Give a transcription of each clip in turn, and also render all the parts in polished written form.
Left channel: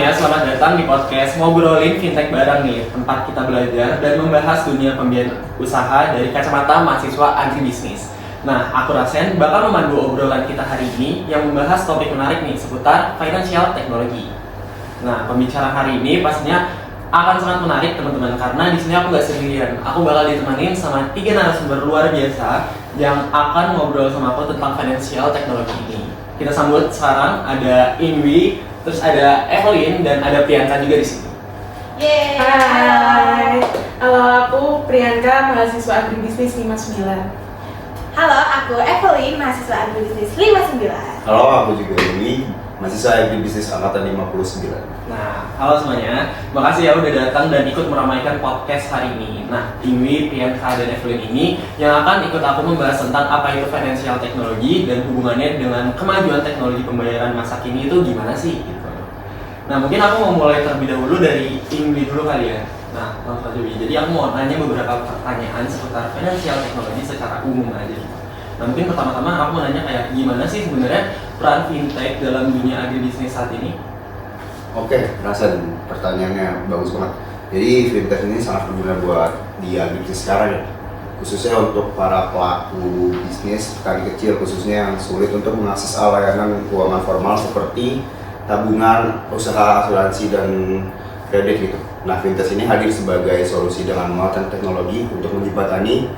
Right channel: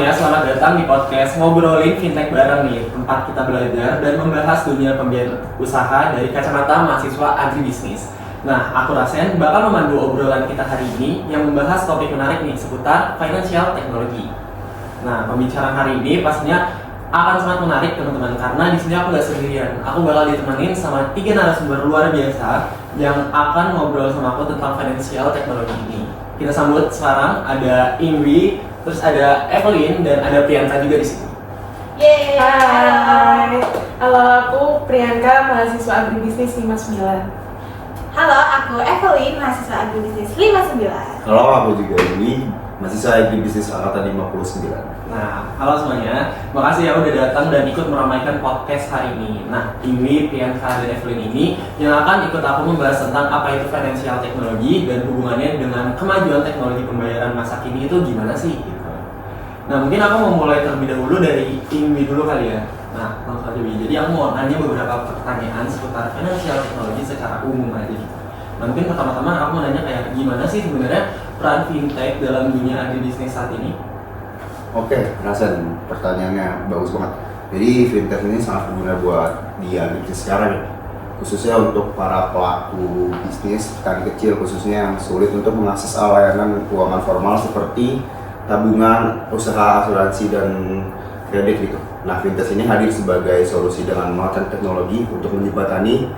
semuanya, selamat datang di podcast Ngobrolin Fintech Bareng nih, tempat kita belajar dan membahas dunia pembiayaan usaha dari kacamata mahasiswa agribisnis. Nah, aku Rasen bakal memandu obrolan kita hari ini yang membahas topik menarik nih seputar financial technology. Nah, pembicaraan hari ini pastinya akan sangat menarik teman-teman karena di sini aku nggak sendirian. Aku bakal ditemenin sama 3 narasumber luar biasa yang akan ngobrol sama aku tentang financial technology ini. Kita sambut sekarang ada Ingwi, terus ada Evelyn dan ada Priyanka juga di sini. Yeay. Hai, halo, aku Priyanka, mahasiswa agribisnis 59. Halo, aku Evelyn, mahasiswa agribisnis 59. Halo, aku juga ini mahasiswa agribisnis angkatan 59. Nah, halo semuanya, makasih ya udah datang dan ikut meramaikan podcast hari ini. Nah, Ingwi, Priyanka, dan Evelyn ini yang akan ikut aku membahas tentang apa itu financial technology dan hubungannya dengan kemajuan teknologi pembayaran masa kini itu gimana sih? Gitu. Nah, mungkin aku mau mulai terlebih dahulu dari Ingwi dulu kali ya. Nah, langsung aja Wi. Jadi aku mau nanya beberapa pertanyaan seputar financial technology secara umum aja. Nah, mungkin pertama-tama aku mau nanya kayak gimana sih sebenarnya peran fintech dalam dunia agribisnis saat ini? Oke, Rasen, pertanyaannya bagus banget. Jadi fintech ini sangat berguna buat di agribisnis sekarang ya. Khususnya untuk para pelaku bisnis, petani kecil khususnya yang sulit untuk mengakses layanan keuangan formal seperti tabungan, usaha asuransi, dan kredit gitu. Nah, fintech ini hadir sebagai solusi dengan memanfaatkan teknologi untuk menjembatani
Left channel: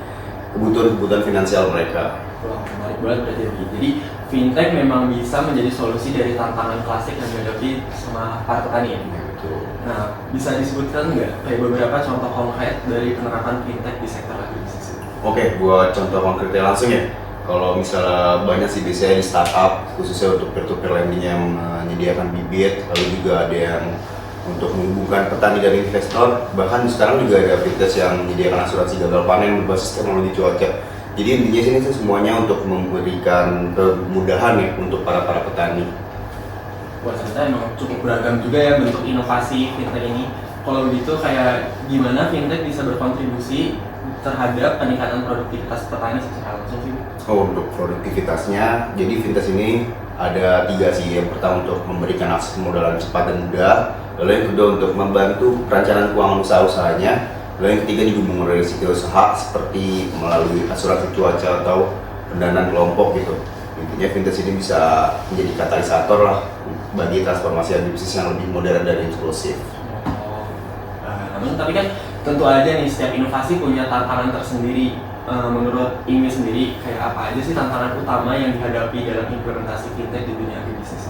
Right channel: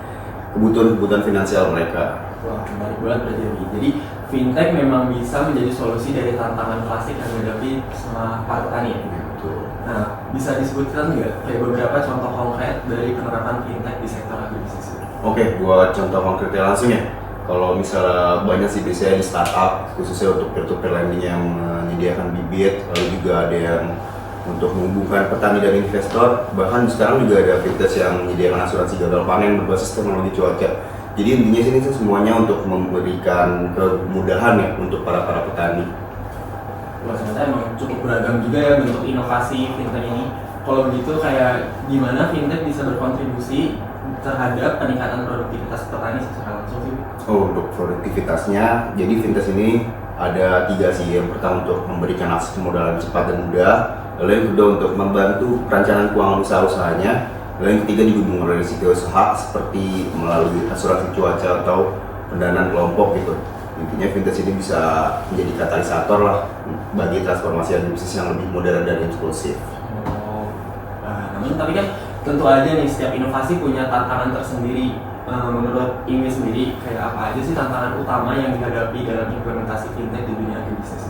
kebutuhan finansial mereka. Wah, menarik banget berarti ya. Jadi fintech memang bisa menjadi solusi dari tantangan klasik yang dihadapi sama para petani ya. Gitu. Nah, bisa disebutkan nggak kayak beberapa contoh konkret dari penerapan fintech di sektor agribisnis? Oke, buat contoh konkretnya langsung ya. Kalau misalnya banyak sih biasanya di startup khususnya untuk peer-to-peer lending yang menyediakan bibit, lalu juga ada yang untuk menghubungkan petani dan investor. Bahkan sekarang juga ada fintech yang menyediakan asuransi gagal panen berbasis teknologi cuaca. Jadi intinya sini sih semuanya untuk memberikan kemudahan ya untuk para petani. Wah, ternyata emang cukup beragam juga ya bentuk inovasi fintech ini. Kalau begitu kayak gimana fintech bisa berkontribusi terhadap peningkatan produktivitas petani secara langsung sih? Oh, untuk produktivitasnya, jadi fintech ini ada 3 sih. Yang pertama untuk memberikan akses kemudahan cepat dan mudah. Lalu yang kedua untuk membantu perencanaan keuangan usaha-usahanya. Lalu yang ketiga juga mengurangi risiko usaha seperti melalui asuransi cuaca atau pendanaan kelompok gitu. Intinya fintech ini bisa menjadi katalisator lah bagi transformasi bisnis yang lebih modern dan inklusif. Oh, namun tapi kan tentu aja nih setiap inovasi punya tantangan tersendiri. Menurut Ingwi sendiri kayak apa aja sih tantangan utama yang dihadapi dalam implementasi fintech di dunia agribisnis?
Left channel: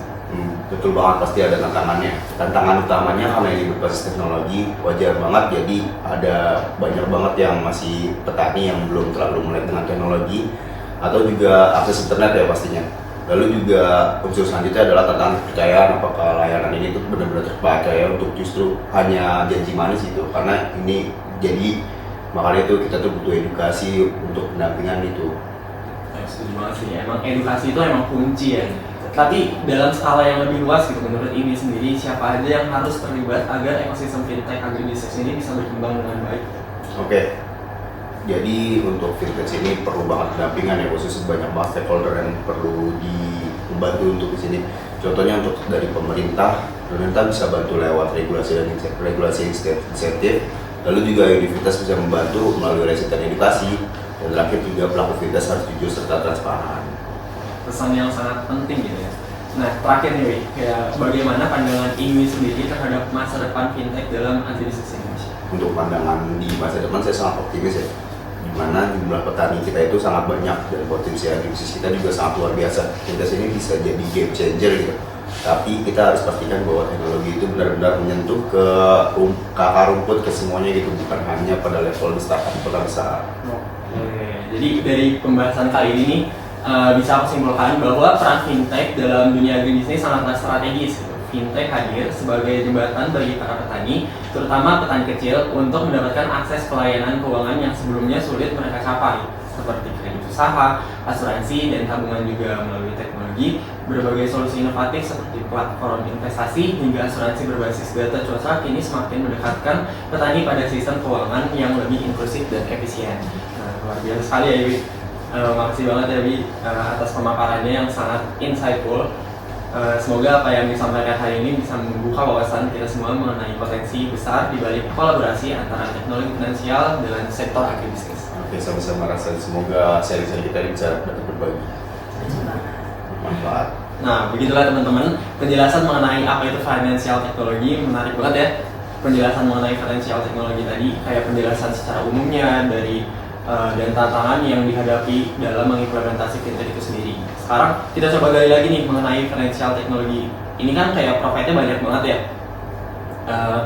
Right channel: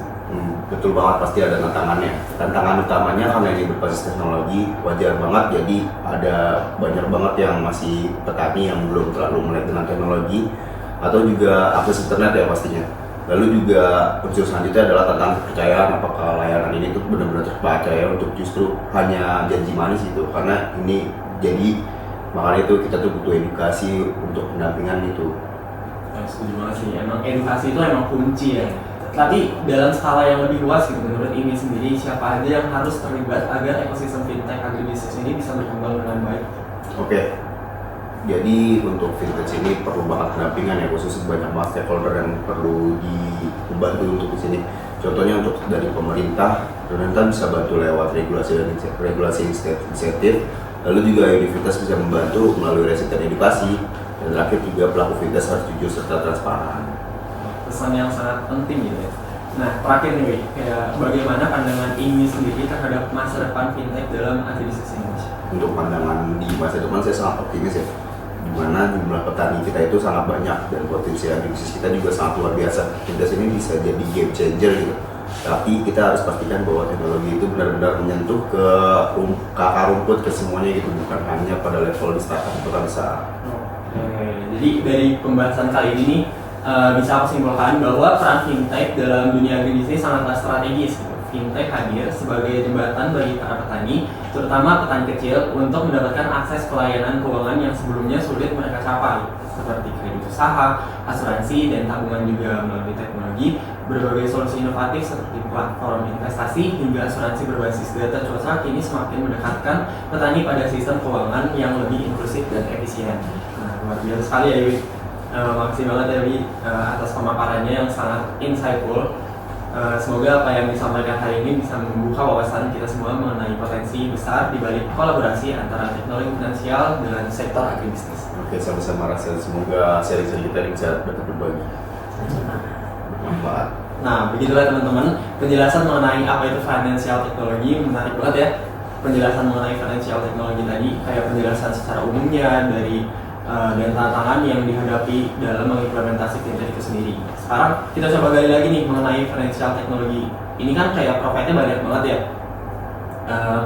Betul banget, pasti ada tantangannya. Tantangan utamanya karena ini berbasis teknologi, wajar banget. Jadi ada banyak banget yang masih petani yang belum terlalu melek dengan teknologi atau juga akses internet ya pastinya. Lalu juga unsur selanjutnya adalah tantangan kepercayaan, apakah layanan ini tuh benar-benar terpercaya untuk justru hanya janji manis gitu. Karena ini jadi makanya itu kita tuh butuh edukasi untuk pendampingan itu. Setuju banget sih, emang edukasi itu emang kunci ya. Tapi dalam skala yang lebih luas gitu, menurut ini sendiri siapa aja yang harus terlibat agar ekosistem fintech agribisnis ini bisa berkembang dengan baik? Oke, jadi untuk fintech ini perlu banget pendampingan ya, khususnya banyak banget stakeholder yang perlu dibantu untuk di sini. Contohnya untuk dari pemerintah bisa bantu lewat regulasi dan insentif. Lalu juga universitas bisa membantu melalui riset dan edukasi. Dan terakhir juga pelaku fintech harus jujur serta transparan. Pesan yang sangat penting gitu ya. Nah, terakhir nih, Wi, kayak bagaimana pandangan Ingwi sendiri terhadap masa depan fintech dalam agribisnis Indonesia? Untuk pandangan di masa depan saya sangat optimis ya, di mana jumlah petani kita itu sangat banyak dan potensi agribisnis kita juga sangat luar biasa. Fintech ini bisa jadi game changer gitu. Tapi kita harus pastikan bahwa teknologi itu benar-benar menyentuh ke akar rumput ke semuanya gitu, bukan hanya pada level startup atau besar. Oke, jadi dari pembahasan kali ini bisa aku simpulkan bahwa peran fintech dalam dunia agribisnis sangatlah strategis. Fintech hadir sebagai jembatan bagi para petani, terutama petani kecil, untuk mendapatkan akses pelayanan keuangan yang sebelumnya sulit mereka capai, seperti kredit usaha, asuransi, dan tabungan juga melalui teknologi. Berbagai solusi inovatif seperti platform investasi hingga asuransi berbasis data cuaca kini semakin mendekatkan petani pada sistem keuangan yang lebih inklusif dan efisien. Nah, luar biasa sekali ya, Wi. Makasih banget ya Wi atas pemaparannya yang sangat insightful. Semoga apa yang disampaikan hari ini bisa membuka wawasan kita semua mengenai potensi besar di balik kolaborasi antara teknologi finansial dengan sektor agribisnis. Oke, sama-sama rasa semoga sharing-sharing kita ini bisa dapat berbagi. Bermanfaat. Nah, begitulah teman-teman, penjelasan mengenai apa itu financial technology menarik banget ya. Penjelasan mengenai financial technology tadi kayak penjelasan secara umumnya dari dan tantangan yang dihadapi dalam mengimplementasi fintech itu sendiri. Sekarang kita coba gali lagi nih mengenai financial technology. Ini kan kayak profitnya banyak banget ya.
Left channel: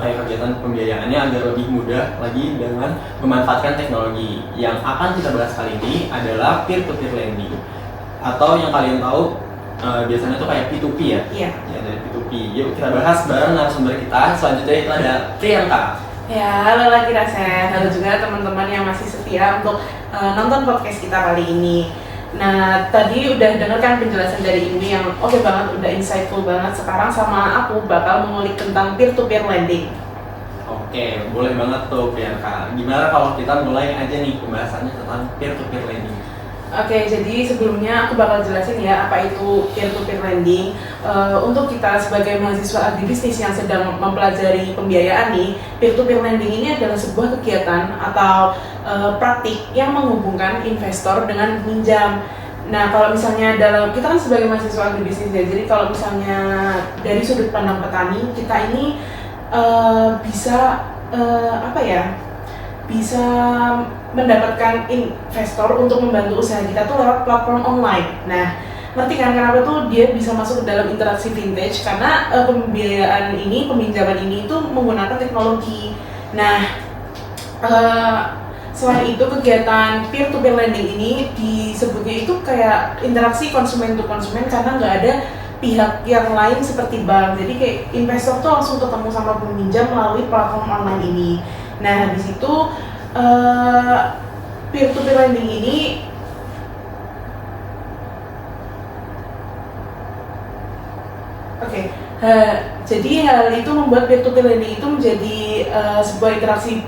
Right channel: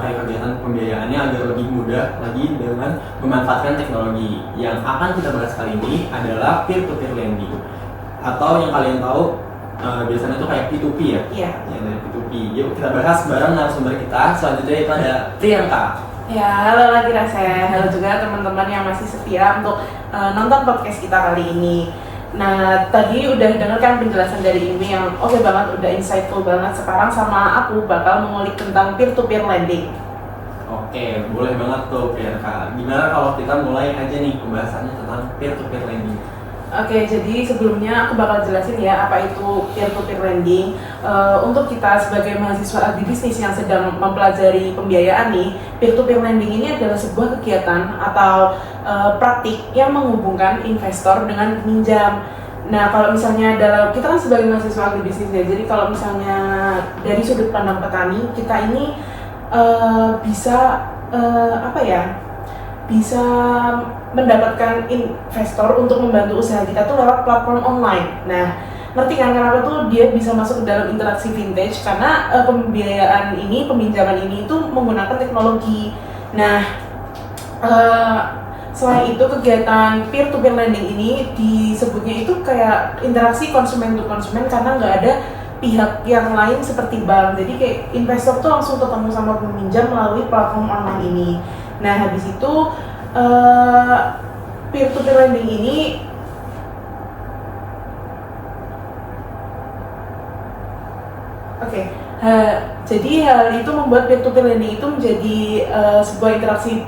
Kayak kegiatan pembiayaannya agar lebih mudah lagi dengan memanfaatkan teknologi. Yang akan kita bahas kali ini adalah peer-to-peer lending, atau yang kalian tahu biasanya tuh kayak P2P ya. Iya. Ya, dari P2P. Yuk kita bahas bareng narasumber kita. Selanjutnya itu ada Priyanka. Ya, halo lagi Rasen. Halo juga teman-teman yang masih setia untuk nonton podcast kita kali ini. Nah, tadi udah dengarkan penjelasan dari Imi yang oke banget, udah insightful banget. Sekarang sama aku bakal mengulik tentang peer-to-peer lending. Oke, boleh banget tuh Priyanka. Gimana kalau kita mulai aja nih pembahasannya tentang peer-to-peer lending? Oke, jadi sebelumnya aku bakal jelasin ya apa itu peer-to-peer lending. Untuk kita sebagai mahasiswa agribisnis yang sedang mempelajari pembiayaan nih, peer-to-peer lending ini adalah sebuah kegiatan atau praktik yang menghubungkan investor dengan peminjam. Nah, kalau misalnya kita kan sebagai mahasiswa agribisnis ya, jadi kalau misalnya dari sudut pandang petani, kita ini bisa bisa mendapatkan investor untuk membantu usaha kita tuh lewat platform online. Nah, ngerti kan kenapa tuh dia bisa masuk ke dalam interaksi vintage? Karena peminjaman ini itu menggunakan teknologi. Nah, selain itu kegiatan peer-to-peer lending ini disebutnya itu kayak interaksi konsumen to konsumen karena nggak ada pihak yang lain seperti bank. Jadi kayak investor tuh langsung ketemu sama peminjam melalui platform online ini. Nah, habis itu peer-to-peer lending ini jadi hal itu membuat peer-to-peer lending itu menjadi sebuah interaksi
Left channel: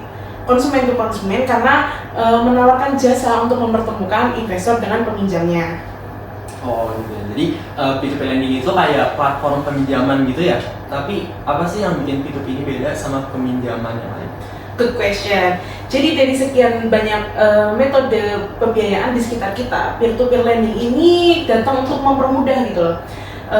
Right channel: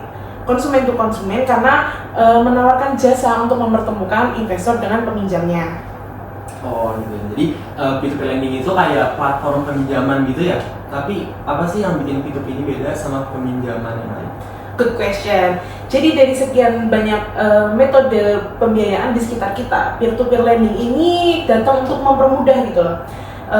konsumen to konsumen karena menawarkan jasa untuk mempertemukan investor dengan peminjamnya. Oh gitu ya. Jadi P2P lending itu kayak platform peminjaman gitu ya. Tapi apa sih yang bikin P2P ini beda sama peminjaman yang lain? Good question. Jadi dari sekian banyak metode pembiayaan di sekitar kita, peer-to-peer lending ini datang untuk mempermudah gitu loh.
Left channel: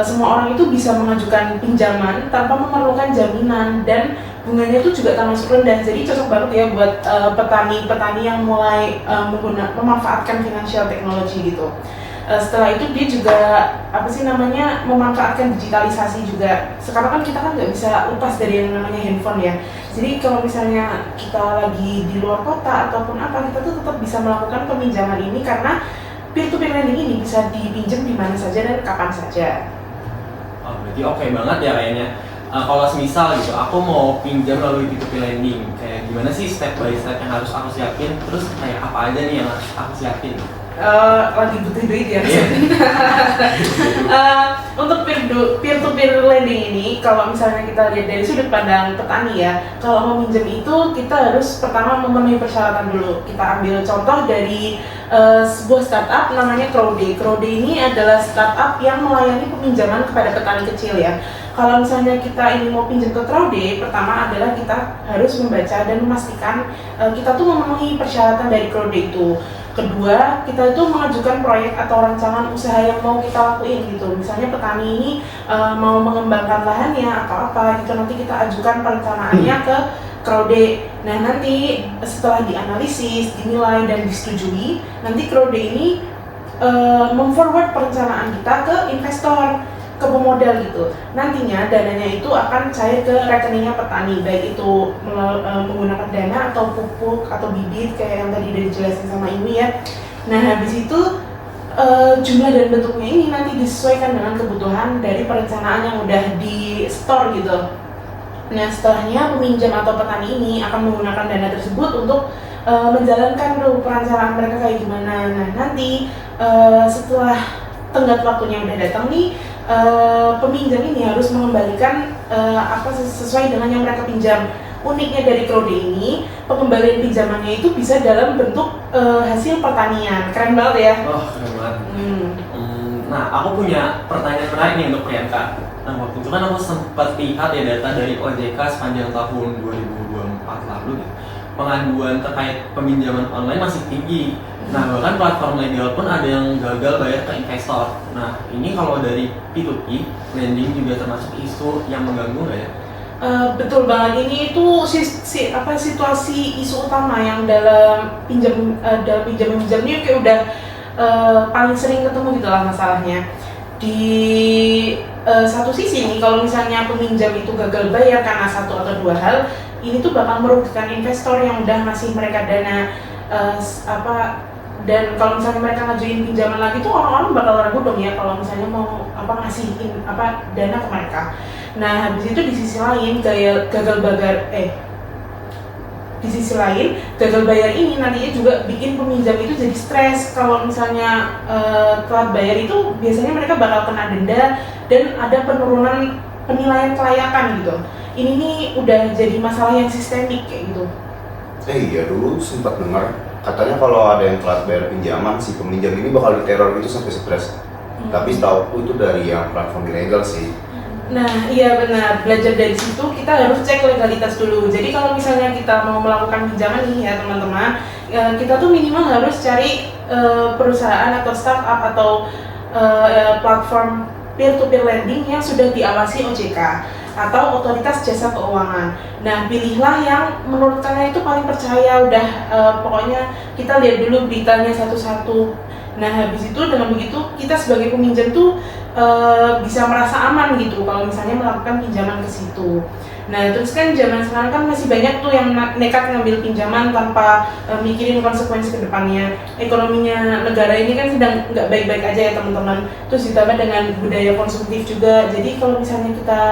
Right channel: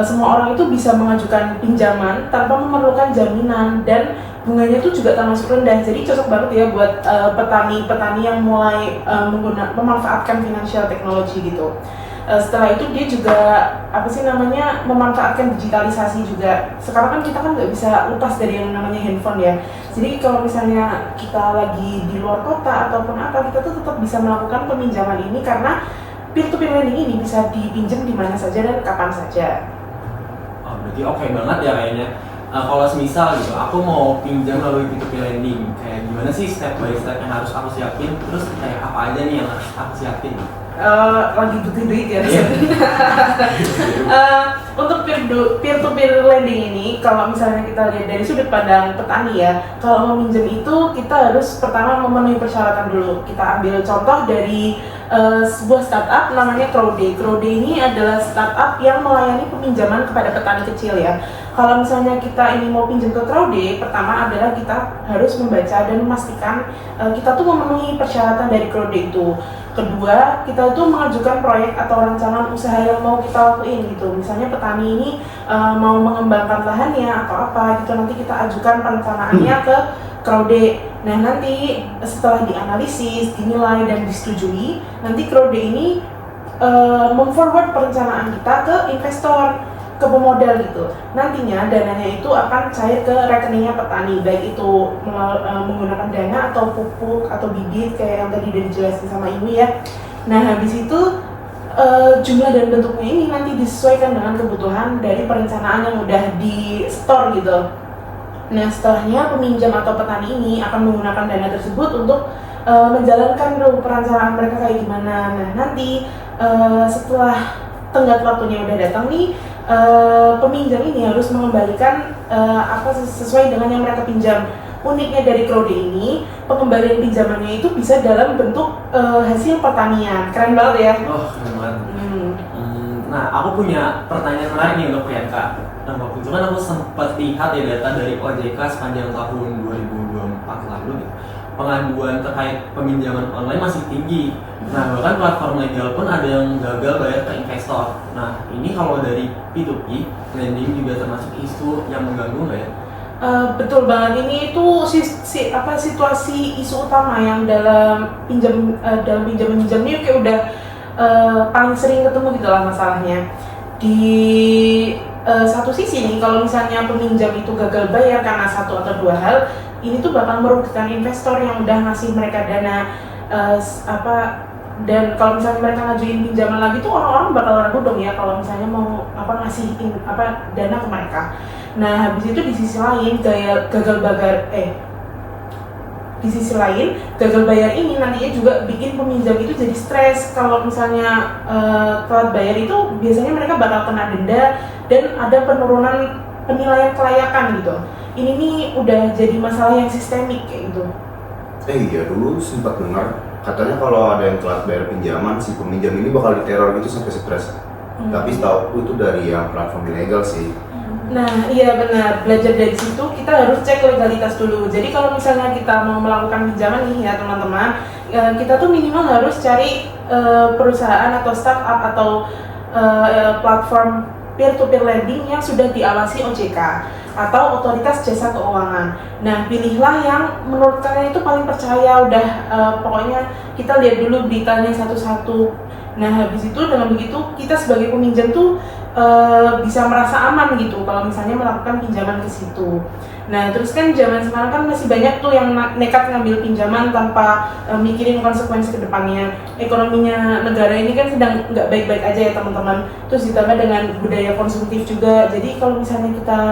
Semua orang itu bisa mengajukan pinjaman tanpa memerlukan jaminan dan bunganya itu juga termasuk rendah. Jadi cocok banget ya buat petani-petani yang mulai memanfaatkan financial technology gitu. Setelah itu dia juga memanfaatkan digitalisasi juga. Sekarang kan kita kan nggak bisa lepas dari yang namanya handphone ya. Jadi kalau misalnya kita lagi di luar kota ataupun apa, kita tuh tetap bisa melakukan peminjaman ini karena peer-to-peer lending ini bisa dipinjam di mana saja dan kapan saja. Oh, berarti oke banget ya kayaknya. Kalau semisal gitu, aku mau pinjam melalui P2P lending, kayak gimana sih step by step yang harus aku siapin? Terus kayak apa aja nih yang harus aku siapin? Lagi butuh duit ya. Untuk peer-to-peer lending ini, kalau misalnya kita lihat dari sudut pandang petani ya, kalau mau minjem itu kita harus pertama memenuhi persyaratan dulu. Kita ambil contoh dari sebuah startup namanya Crowday. Crowday ini adalah startup yang melayani peminjaman kepada petani kecil ya. Kalau misalnya kita ini mau pinjam ke Crowday, pertama adalah kita harus membaca dan memastikan kita tuh memenuhi persyaratan dari Crowday itu. Kedua, kita itu mengajukan proyek atau rancangan usaha yang mau kita lakuin gitu. Misalnya petani ini mau mengembangkan lahannya atau apa gitu, nanti kita ajukan perencanaannya ke Crowday. Nah, nanti setelah dianalisis, dinilai dan disetujui, nanti Crowday ini memforward perencanaan kita ke investor, ke pemodal gitu. Nantinya dananya itu akan cair ke rekeningnya petani, baik itu menggunakan dana atau pupuk atau bibit kayak yang tadi udah dijelasin sama Imi ya. Nah, habis itu jumlah dan bentuknya ini nanti disesuaikan dengan kebutuhan dari perencanaan yang udah di store gitu. Nah, setelahnya peminjam atau petani ini akan menggunakan dana tersebut untuk menjalankan perencanaan mereka kayak gimana. Nah, nanti setelah tenggat waktunya udah datang nih, peminjam ini harus mengembalikan sesuai dengan yang mereka pinjam. Uniknya dari Crowday ini, pengembalian pinjamannya itu bisa dalam bentuk hasil pertanian. Keren banget ya? Oh, keren banget. Nah, aku punya pertanyaan menarik nih untuk Priyanka. Nah, waktu itu kan aku sempat lihat ya data dari OJK sepanjang tahun 2024 lalu gitu. Pengaduan terkait peminjaman online masih tinggi. Nah, bahkan platform legal pun ada yang gagal bayar ke investor. Nah, ini kalau dari P2P, lending juga termasuk isu yang mengganggu nggak ya? Betul banget, ini itu situasi isu utama yang dalam pinjam ini kayak udah paling sering ketemu gitu lah masalahnya. Di satu sisi nih, kalau misalnya peminjam itu gagal bayar karena satu atau dua hal, ini tuh bakal merugikan investor yang udah ngasih mereka dana dan kalau misalnya mereka ngajuin pinjaman lagi tuh orang-orang bakal ragu dong ya kalau misalnya mau ngasihin dana ke mereka. Nah, habis itu di sisi lain gagal bayar ini nantinya juga bikin peminjam itu jadi stres. Kalau misalnya telat bayar itu biasanya mereka bakal kena denda dan ada penurunan penilaian kelayakan gitu. Ini nih udah jadi masalah yang sistemik kayak gitu. Iya, dulu sempat dengar katanya kalau ada yang telat bayar pinjaman, si peminjam ini bakal diteror gitu sampai stres. Tapi setahu itu dari yang platform ilegal sih. Nah, iya benar. Belajar dari situ kita harus cek legalitas dulu. Jadi kalau misalnya kita mau melakukan pinjaman nih ya teman-teman, kita tuh minimal harus cari perusahaan atau startup atau platform peer-to-peer lending yang sudah diawasi OJK atau Otoritas Jasa Keuangan. Nah, pilihlah yang menurut kalian itu paling percaya. Udah pokoknya kita lihat dulu beritanya satu-satu. Nah, habis itu dengan begitu kita sebagai peminjam tuh bisa merasa aman gitu kalau misalnya melakukan pinjaman ke situ. Nah, terus kan zaman sekarang kan masih banyak tuh yang nekat ngambil pinjaman tanpa mikirin konsekuensi ke depannya. Ekonominya negara ini kan sedang nggak baik-baik aja ya teman-teman. Terus ditambah dengan budaya konsumtif juga. Jadi kalau misalnya kita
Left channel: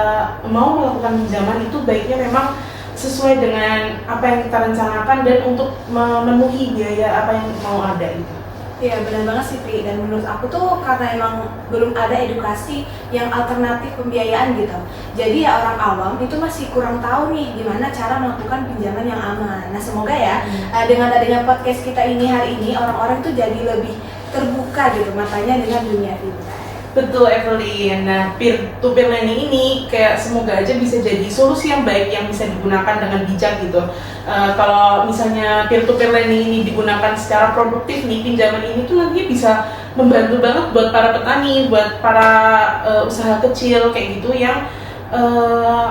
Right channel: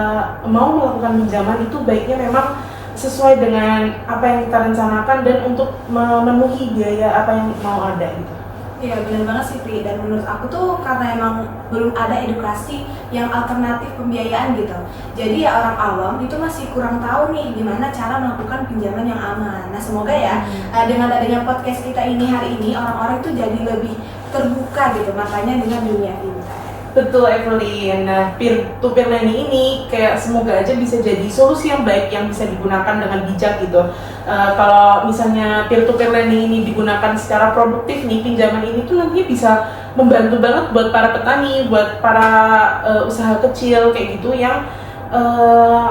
mau melakukan pinjaman itu baiknya memang sesuai dengan apa yang kita rencanakan dan untuk memenuhi biaya apa yang mau ada gitu. Iya benar banget sih Pri, dan menurut aku tuh karena emang belum ada edukasi yang alternatif pembiayaan gitu. Jadi ya orang awam itu masih kurang tahu nih gimana cara melakukan pinjaman yang aman. Nah semoga ya dengan adanya podcast kita ini hari ini orang-orang tuh jadi lebih terbuka gitu matanya dengan dunia fintech. Betul Evelyn. Nah, peer-to-peer lending ini kayak semoga aja bisa jadi solusi yang baik yang bisa digunakan dengan bijak gitu. Kalau misalnya peer-to-peer lending ini digunakan secara produktif nih, pinjaman ini tuh nantinya bisa membantu banget buat para petani, buat para usaha kecil kayak gitu yang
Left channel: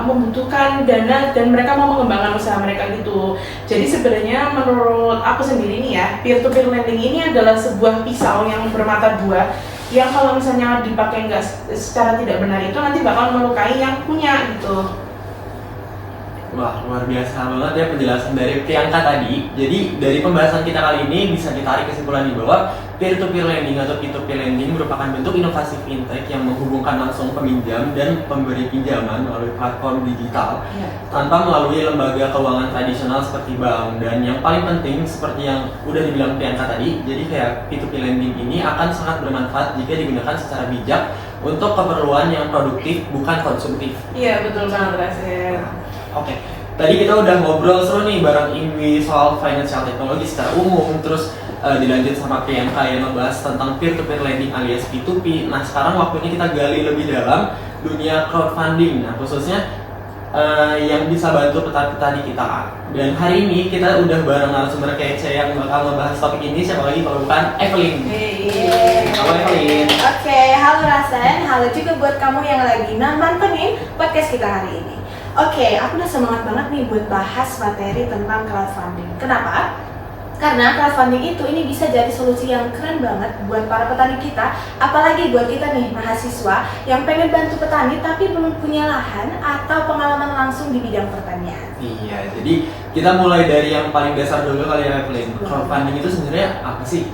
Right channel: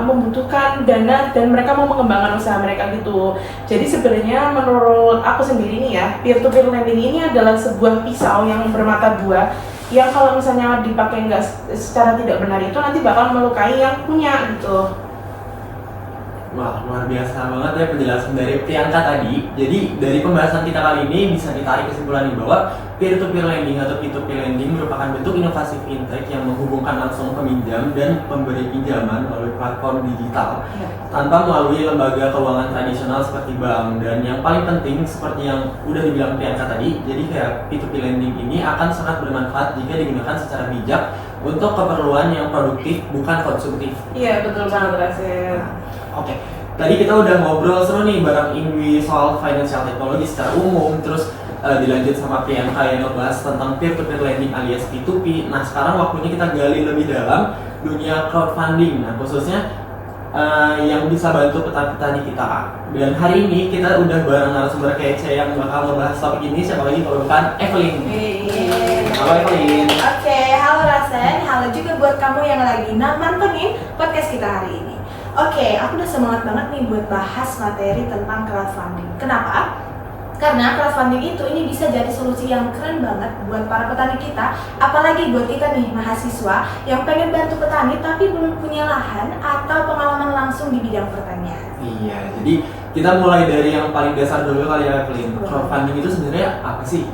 membutuhkan dana dan mereka mau mengembangkan usaha mereka gitu. Jadi sebenarnya menurut aku sendiri nih ya, peer-to-peer lending ini adalah sebuah pisau yang bermata dua yang kalau misalnya dipakai nggak secara tidak benar itu nanti bakal melukai yang punya gitu. Wah, luar biasa banget ya penjelasan dari Priyanka tadi. Jadi dari pembahasan kita kali ini bisa ditarik kesimpulan bahwa peer-to-peer lending atau P2P lending merupakan bentuk inovasi fintech yang menghubungkan langsung peminjam dan pemberi pinjaman melalui platform digital tanpa melalui lembaga keuangan tradisional seperti bank. Dan yang paling penting seperti yang udah dibilang Priyanka tadi, jadi kayak P2P lending ini akan sangat bermanfaat jika digunakan secara bijak untuk keperluan yang produktif bukan konsumtif. Iya betul banget Rasul. Oke, tadi kita udah ngobrol seru nih bareng Ingwi soal financial technology secara umum, terus dilanjut sama Priyanka yang ngebahas tentang peer-to-peer lending alias P2P. Nah sekarang waktunya kita gali lebih dalam dunia crowdfunding, nah khususnya yang bisa bantu petani kita. Dan hari ini kita udah bareng narasumber kece yang bakal ngebahas topik ini, siapa lagi kalau bukan Evelyn. Halo Evelyn. Oke, halo Rasen, halo juga buat kamu yang lagi nontonin podcast kita hari ini. Oke, aku udah semangat banget nih buat bahas materi tentang crowdfunding. Kenapa? Karena crowdfunding itu ini bisa jadi solusi yang keren banget buat para petani kita, apalagi buat kita nih mahasiswa yang pengen bantu petani tapi belum punya lahan atau pengalaman langsung di bidang pertanian. Iya, jadi kita mulai dari yang paling dasar dulu kali ya Evelyn. Crowdfunding itu sebenarnya apa sih?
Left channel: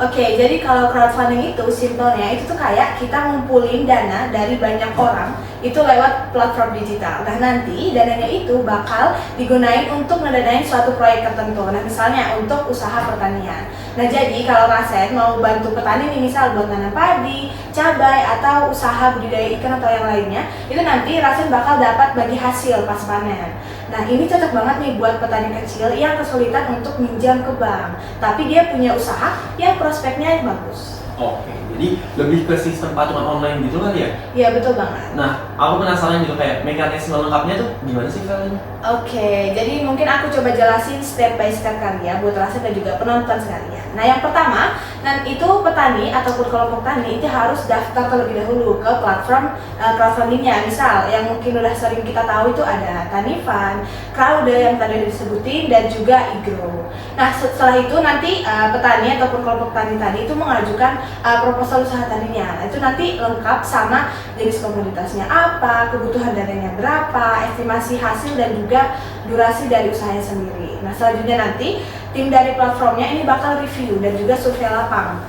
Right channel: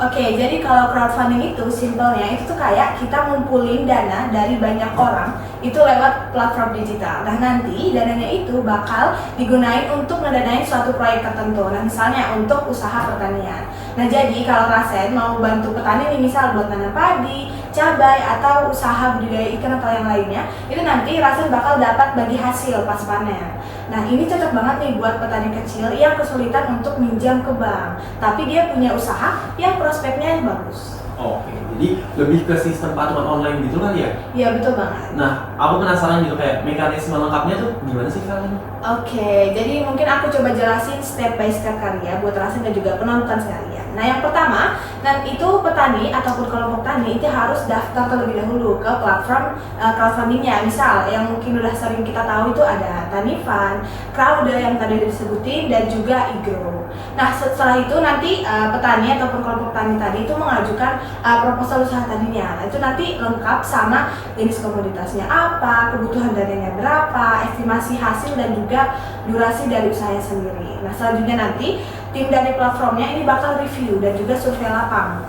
Oke, jadi kalau crowdfunding itu simpelnya itu tuh kayak kita ngumpulin dana dari banyak orang itu lewat platform digital. Nah nanti dananya itu bakal digunain untuk ngedanain suatu proyek tertentu. Nah misalnya untuk usaha pertanian. Nah jadi kalau Rasen mau bantu petani nih misal buat nanam padi, cabai atau usaha budidaya ikan atau yang lainnya, itu nanti Rasen bakal dapat bagi hasil pas panen. Nah ini cocok banget nih buat petani kecil yang kesulitan untuk minjam ke bank, tapi dia punya usaha yang prospeknya bagus. Oke, Jadi lebih ke sistem patungan online gitu kali ya. Iya betul banget. Nah, aku penasaran gitu kayak mekanisme lengkapnya tuh gimana sih kalian? Oke, jadi mungkin aku coba jelasin step by step kali ya buat Rasen dan juga penonton sekalian. Nah yang pertama, itu petani ataupun kelompok tani itu harus daftar terlebih dahulu ke platform crowdfundingnya. Misal yang mungkin udah sering kita tahu itu ada Tanifan, Crowder yang tadi disebutin, dan juga iGrow. Nah setelah itu nanti petani ataupun kelompok tani tadi itu mengajukan proposal usaha tadinya. Nah, itu nanti lengkap sama jenis komoditasnya apa, kebutuhan dananya berapa, estimasi hasil dan juga durasi dari usahanya sendiri. Nah selanjutnya nanti tim dari platformnya ini bakal review dan juga survei lapang.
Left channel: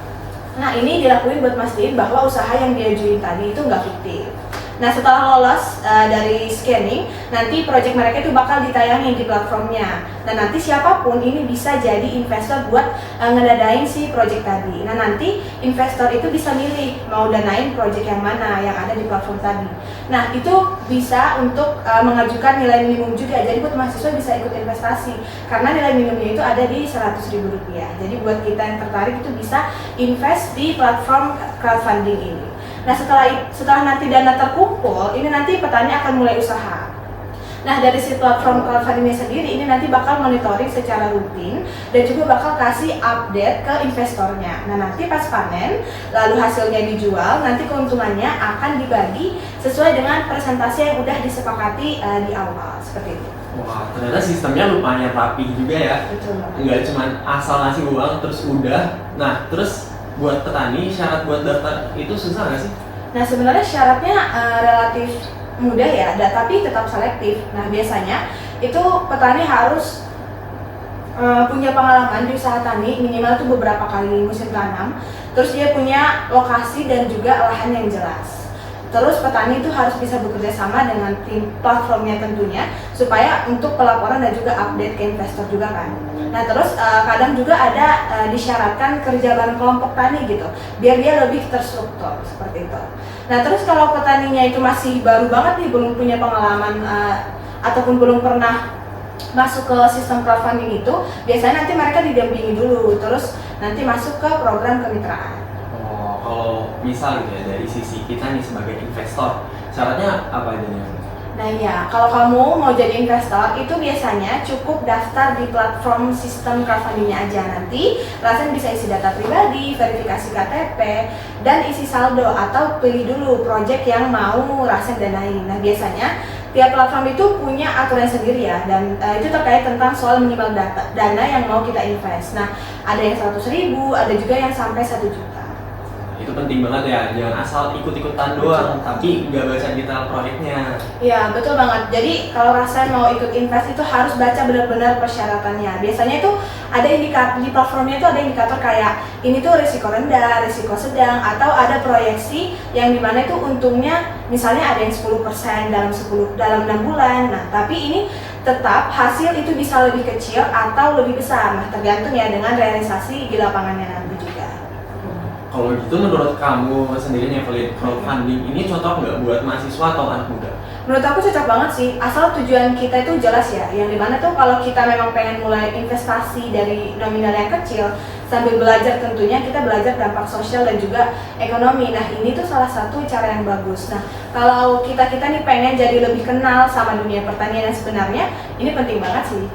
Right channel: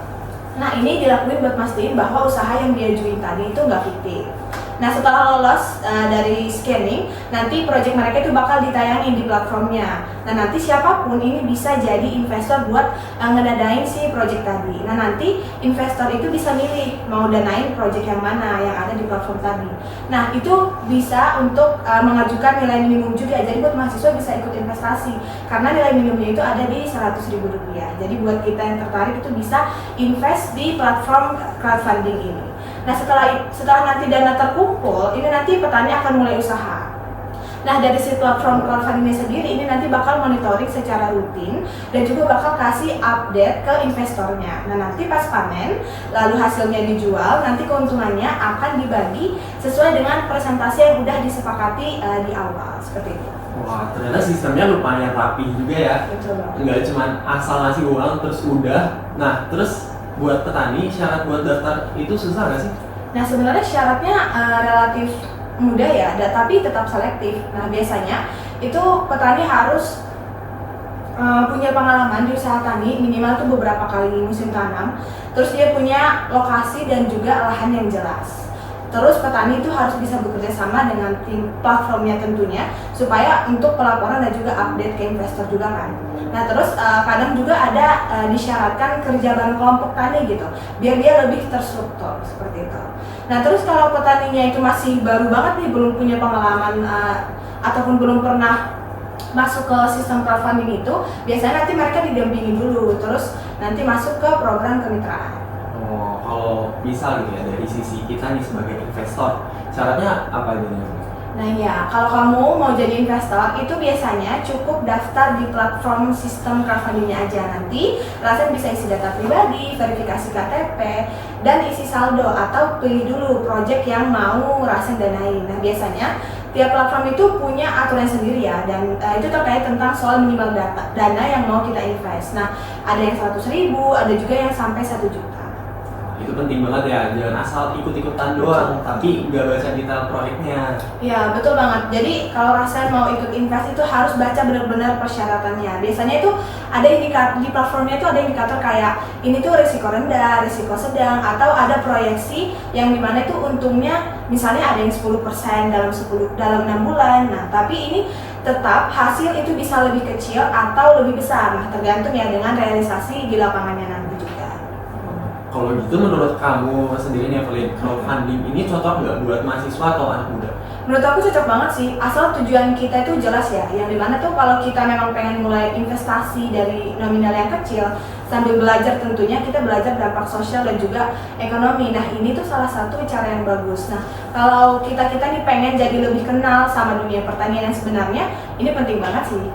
Nah ini dilakuin buat mastiin bahwa usaha yang diajuin tadi itu nggak fiktif. Nah setelah lolos dari scanning, nanti project mereka itu bakal ditayangin di platformnya. Nah nanti siapapun ini bisa jadi investor buat ngedanain si project tadi. Nah nanti investor itu bisa milih mau danain project yang mana yang ada di platform tadi. Nah itu bisa untuk mengajukan nilai minimum juga. Jadi buat mahasiswa bisa ikut investasi karena nilai minimumnya itu ada di Rp100.000. Jadi buat kita yang tertarik itu bisa invest di platform crowdfunding ini. Nah setelah nanti dana terkumpul, ini nanti petani akan mulai usaha. Nah dari si platform crowdfundingnya sendiri ini nanti bakal monitoring secara rutin dan juga bakal kasih update ke investornya. Nah nanti pas panen, lalu hasilnya dijual, nanti keuntungannya akan dibagi sesuai dengan presentasi yang udah disepakati di awal, seperti itu. Wah, ternyata sistemnya lumayan rapi juga ya. Betul. Nggak cuma asal ngasih uang terus udah. Nah, terus buat petani syarat buat daftar itu susah nggak sih? Nah sebenarnya syaratnya relatif mudah ya, tapi tetap selektif. Nah biasanya itu petani harus punya pengalaman di usaha tani minimal tuh beberapa kali musim tanam. Terus dia punya lokasi dan juga lahan yang jelas. Terus petani itu harus bisa bekerja sama dengan tim platformnya tentunya supaya untuk pelaporan dan juga update ke investor juga kan. Nah terus kadang juga ada disyaratkan kerja bareng kelompok tani gitu biar dia lebih terstruktur seperti itu. Nah terus kalau petaninya itu masih baru banget nih, belum punya pengalaman ataupun belum pernah masuk ke sistem crowdfunding itu, biasanya nanti mereka didampingi dulu terus nanti masuk ke program kemitraan. Oh, kalau misal gitu ya dari sisi kita nih sebagai investor, syaratnya apa aja nih? Nah ya, kalau kamu mau jadi investor itu biasanya cukup daftar di platform sistem crowdfundingnya aja. Nanti Rasen bisa isi data pribadi, verifikasi KTP, dan isi saldo atau pilih dulu project yang mau Rasen danain. Nah biasanya tiap platform itu punya aturan sendiri ya, dan itu terkait tentang soal minimal dana yang mau kita invest. Nah ada yang 100.000, ada juga yang sampai 1 juta. Itu penting banget ya, jangan asal ikut-ikutan doang, tapi nggak baca detail proyeknya. Iya betul banget. Jadi kalau Rasen mau ikut invest itu harus baca benar-benar persyaratannya. Biasanya itu ada indikator di platformnya itu ada indikator kayak ini tuh risiko rendah, risiko sedang, atau ada proyeksi yang dimana itu untungnya misalnya ada yang 10% dalam 6 bulan. Nah tapi ini tetap hasil itu bisa lebih kecil atau lebih besar. Nah tergantung ya dengan realisasi di lapangannya nanti juga. Kalau gitu menurut kamu sendiri nih Evelyn, crowdfunding ini cocok nggak buat mahasiswa atau anak muda? Menurut aku cocok banget sih, asal tujuan kita itu jelas ya. Yang dimana tuh kalau kita memang pengen mulai investasi dari nominal yang kecil, sambil belajar tentunya kita belajar dampak sosial dan juga ekonomi. Nah ini tuh salah satu cara yang bagus. Nah kalau kita nih pengen jadi lebih kenal sama dunia pertanian yang sebenarnya, ini penting banget sih.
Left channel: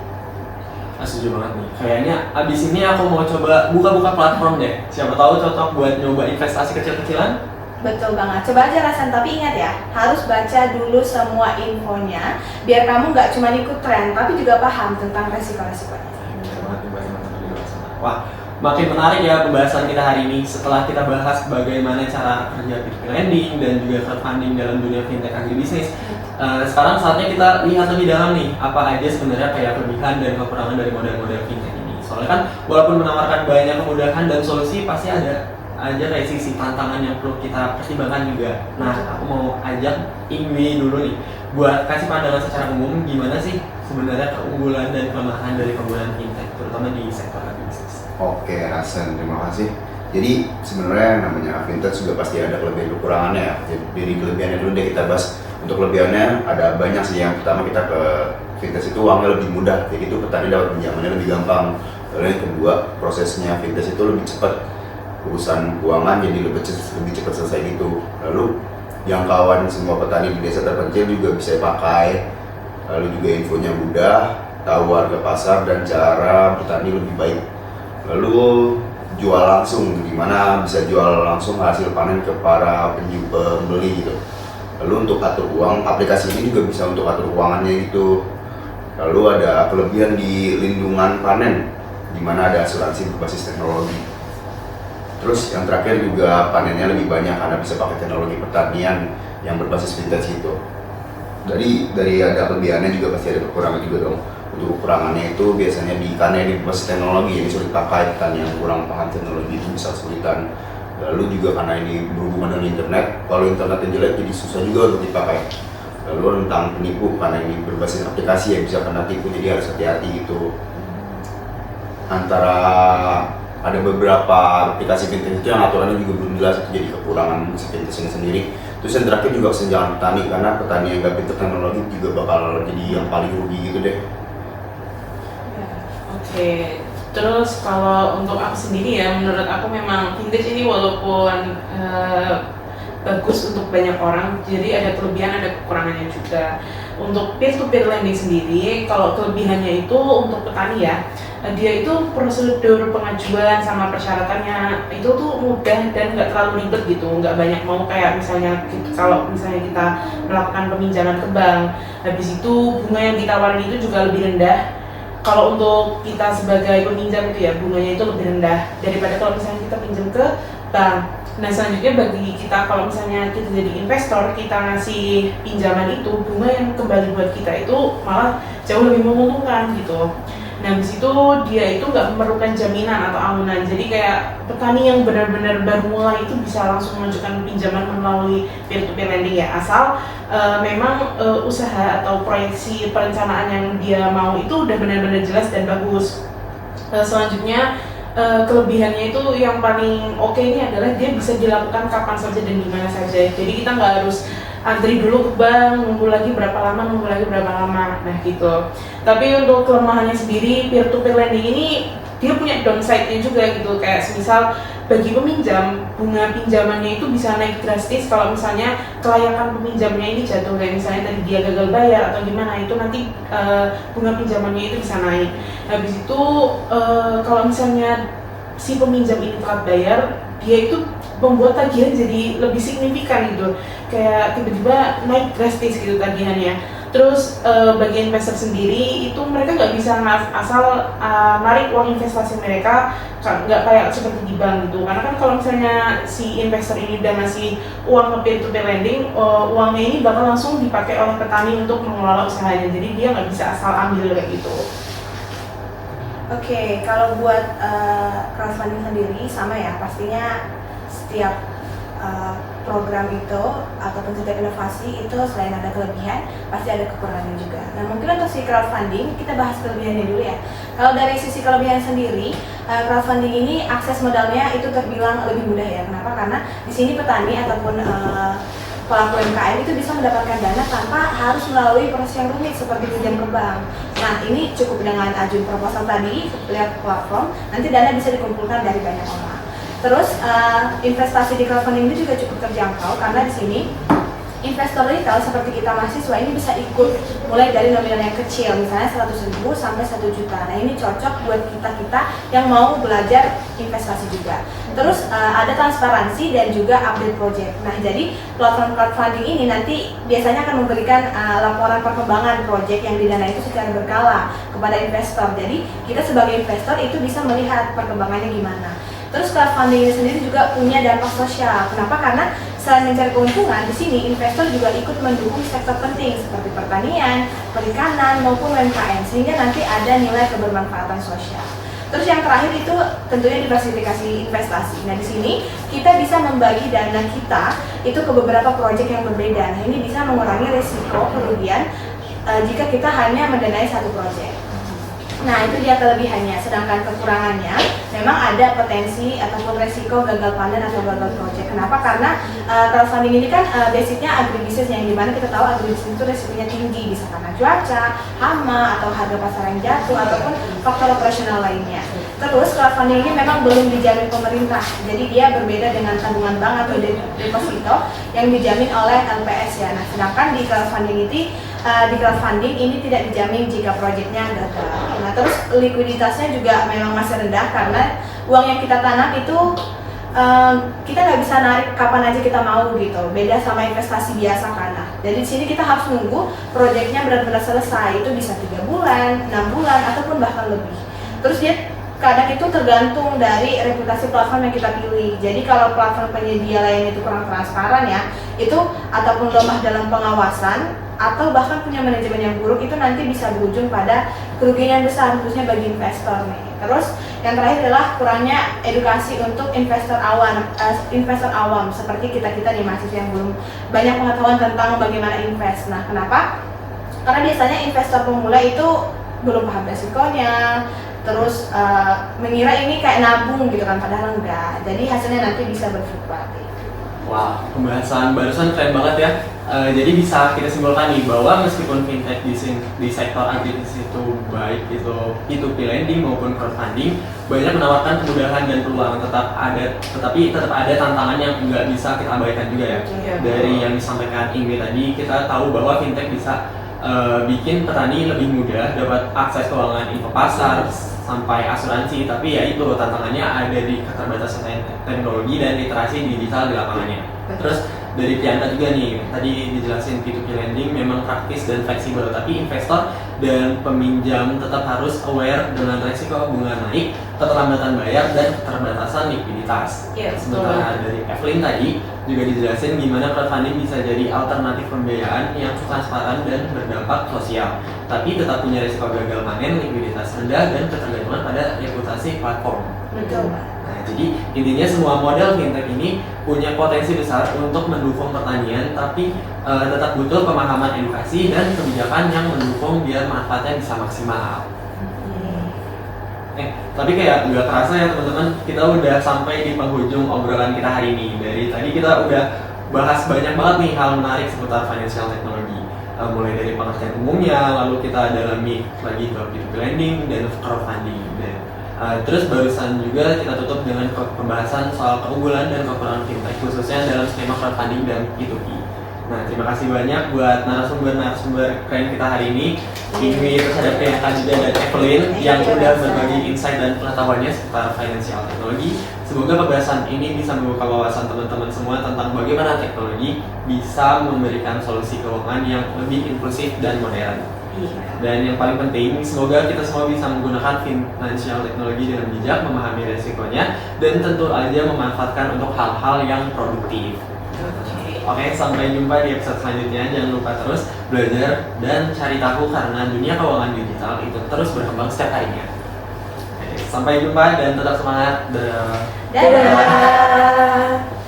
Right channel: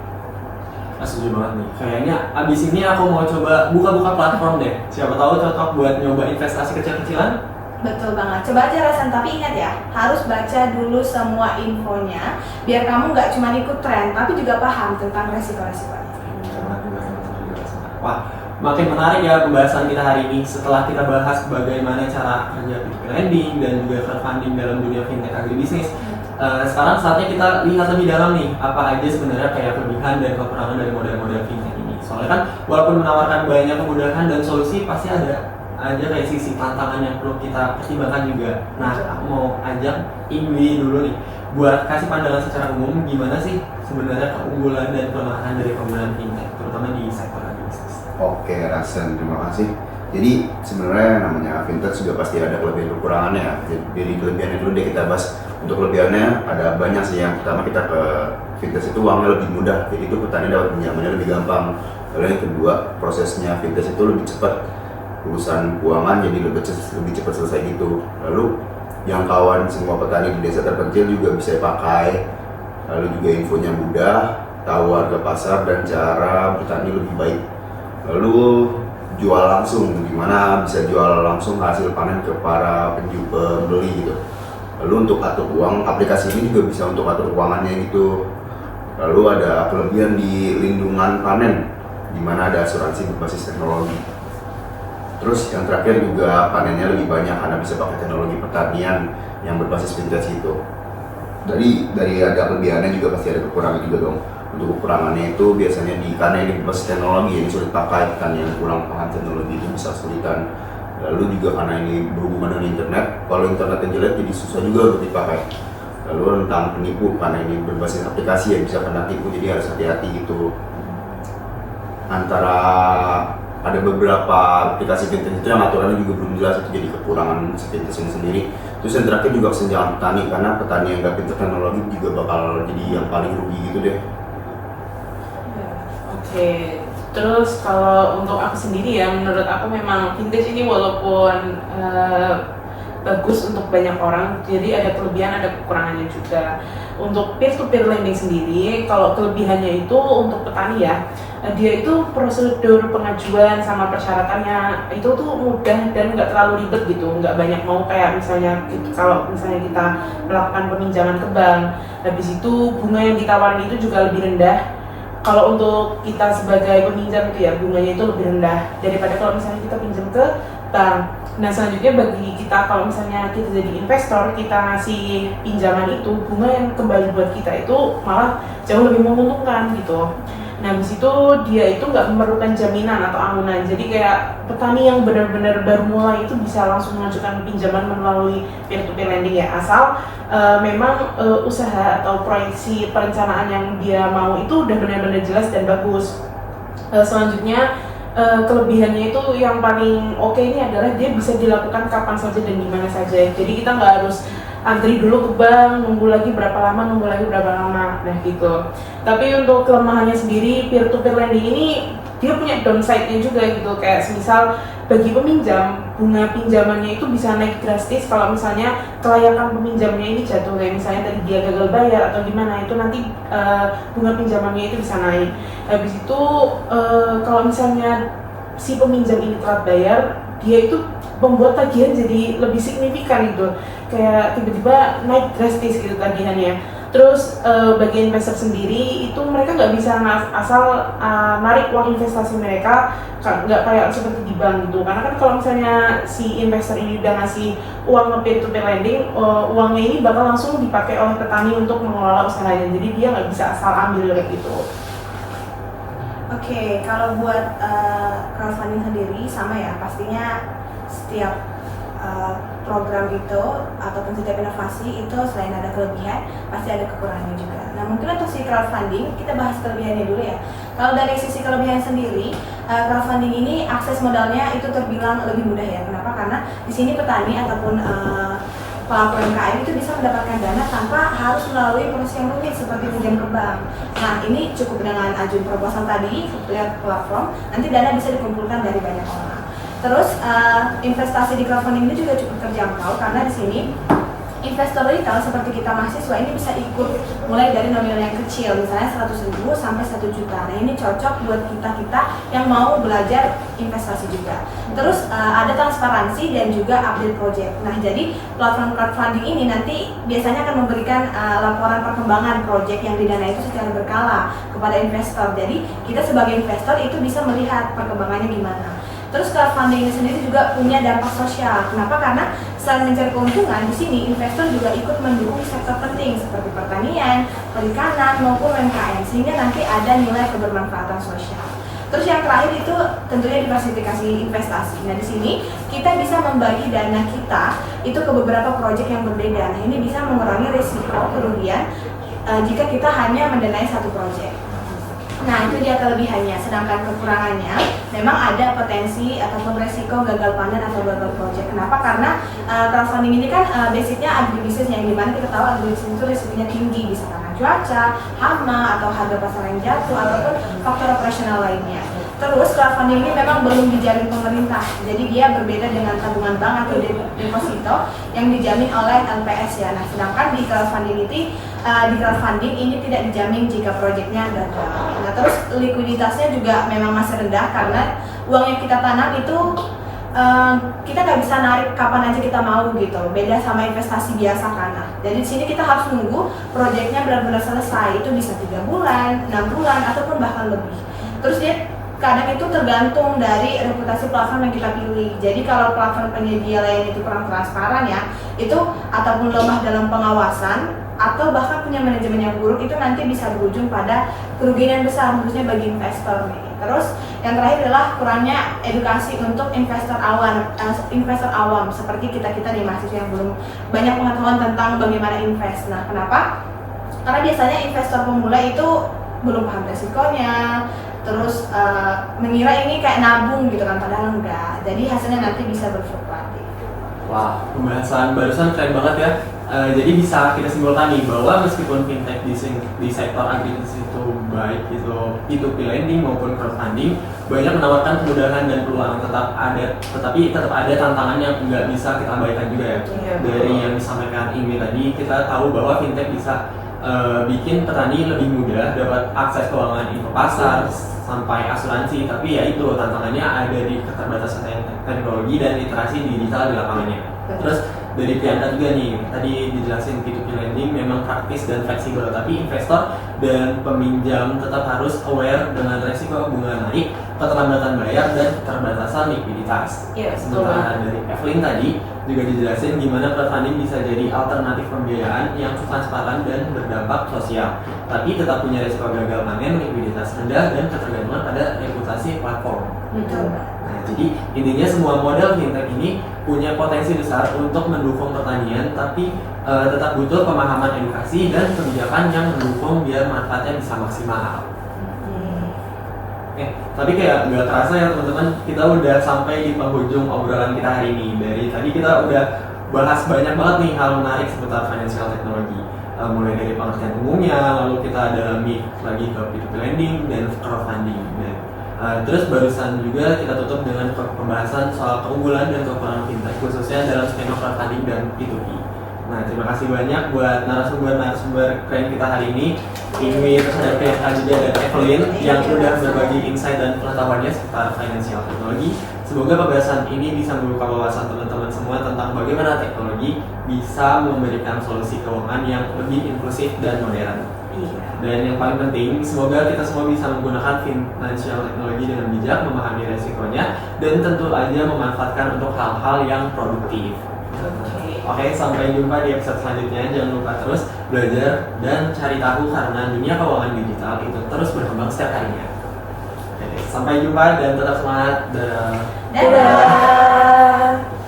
Setuju banget nih. Kayaknya abis ini aku mau coba buka-buka platform deh. Siapa tahu cocok buat nyoba investasi kecil-kecilan. Betul banget. Coba aja Rasen, tapi ingat ya, harus baca dulu semua infonya biar kamu nggak cuma ikut tren, tapi juga paham tentang resiko-resikonya. Wah, makin menarik ya pembahasan kita hari ini setelah kita bahas bagaimana cara kerja peer-to-peer lending dan juga crowdfunding dalam dunia fintech agribisnis. Sekarang saatnya kita lihat lebih dalam nih apa aja sebenarnya kayak kelebihan dan kekurangan dari model-model fintech ini. Soalnya kan walaupun menawarkan banyak kemudahan dan solusi, pasti ada aja kayak sisi tantangan yang perlu kita pertimbangkan juga. Nah, aku mau ajak Ingwi dulu nih buat kasih pandangan secara umum gimana sih sebenarnya keunggulan dan kelemahan dari penggunaan fintech, terutama di sektor agribisnis. Oke, Rasen, terima kasih. Jadi sebenarnya namanya fintech juga pasti ada kelebihan kekurangannya. Jadi kelebihannya dulu deh kita bahas. Untuk kelebihannya ada banyak sih. Yang pertama kita ke fintech itu uangnya lebih mudah, jadi itu petani dapat pinjamannya lebih gampang. Lalu yang kedua prosesnya fintech itu lebih cepat. urusan keuangan jadi lebih cepat selesai gitu. Lalu jangkauan semua petani di desa terpencil juga bisa pakai, lalu juga infonya mudah, tahu harga pasar dan cara bertani lebih baik. Lalu jual langsung, gimana bisa jual langsung hasil panen ke para pembeli gitu. Lalu untuk atur uang, aplikasi ini juga bisa untuk atur keuangannya gitu. Lalu ada kelebihan di lindungan panen, di mana ada asuransi berbasis teknologi. Terus yang terakhir juga panennya lebih banyak karena bisa pakai teknologi pertanian yang berbasis vintage itu. Dari ada kelebihannya juga pasti ada kekurangan juga dong. Untuk kekurangannya itu biasanya karena ini berbasis teknologi yang sulit pakai, petani yang kurang paham teknologi itu bisa kesulitan. Lalu juga karena ini berhubungan dengan internet, kalau internetnya jelek jadi susah juga untuk dipakai. Lalu tentang penipu, karena ini berbasis aplikasi yang bisa kena tipu, jadi harus hati-hati gitu. Antara ada beberapa aplikasi vintage itu yang aturannya juga belum jelas, itu jadi kekurangan si vintage yang sendiri. Terus yang terakhir juga kesenjangan petani, karena petani yang gak pintar teknologi juga bakal jadi yang paling rugi gitu deh. Oke, terus kalau untuk aku sendiri ya, menurut aku memang vintage ini walaupun bagus untuk banyak orang, jadi ada kelebihan ada kekurangannya juga. Untuk peer-to-peer lending sendiri, kalau kelebihannya itu untuk petani ya, dia itu prosedur pengajuan sama persyaratannya itu tuh mudah dan nggak terlalu ribet gitu, nggak banyak mau kayak misalnya kalau misalnya kita melakukan peminjaman ke bank, habis itu bunga yang ditawarin itu juga lebih rendah. Kalau untuk kita sebagai peminjam itu ya bunganya itu lebih rendah daripada kalau misalnya kita pinjam ke bank. Nah selanjutnya bagi kita kalau misalnya kita jadi investor, kita ngasih pinjaman itu, bunga yang kembali buat kita itu malah jauh lebih menguntungkan gitu. Nah habis itu dia itu nggak memerlukan jaminan atau amunan, jadi kayak petani yang benar-benar baru mulai itu bisa langsung mengajukan pinjaman melalui peer-to-peer lending ya, asal memang usaha atau proyeksi perencanaan yang dia mau itu udah benar-benar jelas dan bagus. Selanjutnya kelebihannya itu yang paling oke ini adalah dia bisa dilakukan kapan saja dan di mana saja. Jadi kita nggak harus antri dulu ke bank, nunggu lagi berapa lama. Nah gitu. Tapi untuk kelemahannya sendiri, peer-to-peer lending ini dia punya downside-nya juga gitu. Kayak misal bagi peminjam, bunga pinjamannya itu bisa naik drastis kalau misalnya kelayakan peminjamnya ini jatuh. Kayak misalnya tadi dia gagal bayar atau gimana, itu nanti bunga pinjamannya itu bisa naik. Habis itu kalau misalnya si peminjam ini telat bayar, dia itu membuat tagihan jadi lebih signifikan gitu, kayak tiba-tiba naik drastis gitu tagihannya. Terus bagi investor sendiri itu mereka nggak bisa asal narik uang investasi mereka, nggak kayak seperti di bank gitu. Karena kan kalau misalnya si investor ini udah ngasih uang ke peer-to-peer lending, uangnya ini bakal langsung dipakai oleh petani untuk mengelola usahanya. Jadi dia nggak bisa asal ambil kayak gitu. Oke, kalau buat crowdfunding sendiri sama ya, pastinya setiap program itu ataupun setiap inovasi itu selain ada kelebihan, pasti ada kekurangannya juga. Nah mungkin untuk si crowdfunding, kita bahas kelebihannya dulu ya. Kalau dari sisi kelebihan sendiri, crowdfunding ini akses modalnya itu terbilang lebih mudah ya. Kenapa? Karena di sini petani ataupun pelaku UMKM itu bisa mendapatkan dana tanpa harus melalui proses yang rumit seperti pinjam ke bank. Nah ini cukup dengan ajuin proposal tadi, lihat platform, nanti dana bisa dikumpulkan dari banyak orang. Terus investasi di crowdfunding ini juga cukup terjangkau karena di sini investor retail seperti kita mahasiswa ini bisa ikut mulai dari nominal yang kecil, misalnya 100.000 sampai 1 juta. Nah ini cocok buat kita yang mau belajar investasi juga. Terus ada transparansi dan juga update project. Nah jadi platform crowdfunding ini nanti biasanya akan memberikan laporan perkembangan project yang didanai itu secara berkala kepada investor. Jadi kita sebagai investor itu bisa melihat perkembangannya gimana. Terus crowdfunding ini sendiri juga punya dampak sosial. Kenapa? Karena selain mencari keuntungan, di sini investor juga ikut mendukung sektor penting seperti pertanian, perikanan maupun UMKM, sehingga nanti ada nilai kebermanfaatan sosial. Terus yang terakhir itu tentunya diversifikasi investasi. Nah di sini kita bisa membagi dana kita itu ke beberapa proyek yang berbeda. Nah ini bisa mengurangi risiko kerugian jika kita hanya mendanai satu proyek. Nah itu dia kelebihannya, sedangkan kekurangannya memang ada potensi ataupun resiko gagal panen atau gagal project. Kenapa? Karena crowdfunding ini kan basicnya agribisnis, yang dimana kita tahu agribisnis itu resikonya tinggi, bisa karena cuaca, hama, atau harga pasar yang jatuh, ataupun faktor operasional lainnya. Terus crowdfunding ini memang belum dijamin pemerintah, jadi dia berbeda dengan tabungan bank atau deposito yang dijamin oleh LPS ya. Nah, sedangkan di crowdfunding ini tidak dijamin jika proyeknya gagal. Nah, terus likuiditasnya juga memang masih rendah karena uang yang kita tanam itu kita nggak bisa narik kapan aja kita mau gitu. Beda sama investasi biasa kan. Nah, jadi di sini kita harus nunggu proyeknya benar-benar selesai. Itu bisa 3 bulan, 6 bulan, ataupun bahkan lebih. Terus dia kadang itu tergantung dari reputasi platform yang kita pilih. Jadi kalau platform penyedia lain itu kurang transparan ya, itu ataupun lemah dalam pengawasan atau bahkan punya manajemen yang buruk, itu nanti bisa berujung pada kerugian yang besar khususnya bagi investor nih. Terus yang terakhir adalah kurangnya edukasi untuk investor awam seperti kita nih mahasiswa yang belum banyak pengetahuan tentang bagaimana invest. Nah, kenapa? Karena biasanya investor pemula itu belum paham resikonya, terus mengira ini kayak nabung gitu kan, padahal enggak. Jadi hasilnya nanti bisa berfluktuatif. Wah, pembahasan barusan keren banget ya. Jadi bisa kita simpulkan nih bahwa meskipun fintech di sektor agribisnis itu baik itu P2P lending maupun crowdfunding banyak menawarkan kemudahan dan peluang, tetapi tetap ada tantangan yang nggak bisa kita abaikan juga ya. Dari yang disampaikan Ingwi tadi, kita tahu bahwa fintech bisa bikin petani lebih mudah dapat akses keuangan info pasar sampai asuransi, tapi ya itu tantangannya ada di keterbatasan teknologi dan literasi digital di lapangannya. Terus dari Priyanka juga nih, tadi dijelasin P2P lending memang praktis dan fleksibel, tapi investor dan peminjam tetap harus aware dengan resiko bunga naik, keterlambatan bayar, dan keterbatasan likuiditas. Sementara dari Evelyn tadi juga dijelasin gimana crowdfunding bisa jadi alternatif pembiayaan yang transparan dan berdampak sosial, tapi tetap punya resiko gagal panen, likuiditas rendah, dan ketergantungan pada reputasi platform. Betul. Nah, jadi intinya semua model fintech ini punya potensi besar untuk mendukung pertanian, tapi tetap butuh pemahaman edukasi dan kebijakan yang mendukung biar manfaatnya bisa maksimal. Tapi kayak nggak terasa ya teman-teman, kita udah sampai di penghujung obrolan kita hari ini. Dari tadi kita udah bahas banyak banget nih hal menarik seputar financial technology. Mulai dari pengertian umumnya, lalu kita dalami lagi ke P2P lending dan crowdfunding. Terus barusan juga kita tutup dengan pembahasan soal keunggulan dan kekurangan fintech khususnya dalam skema crowdfunding dan P2P. Nah, terima kasih banyak buat narasumber keren kita hari ini. Ingwi, terus ada Priyanka juga dan Evelyn yang udah berbagi insight dan pengetahuannya seputar financial technology. Semoga pembahasan ini bisa membuka wawasan teman-teman semua tentang bagaimana teknologi bisa memberikan solusi keuangan yang lebih inklusif dan modern. Dan yang paling penting, semoga kita semua bisa menggunakan financial technology dengan bijak, memahami resikonya, dan tentu aja memanfaatkan untuk hal-hal yang produktif. Oke, sampai jumpa di episode selanjutnya. Jangan lupa terus belajar dan cari tahu karena dunia keuangan digital itu terus berkembang setiap harinya. Oke, sampai jumpa dan tetap semangat. Dadah.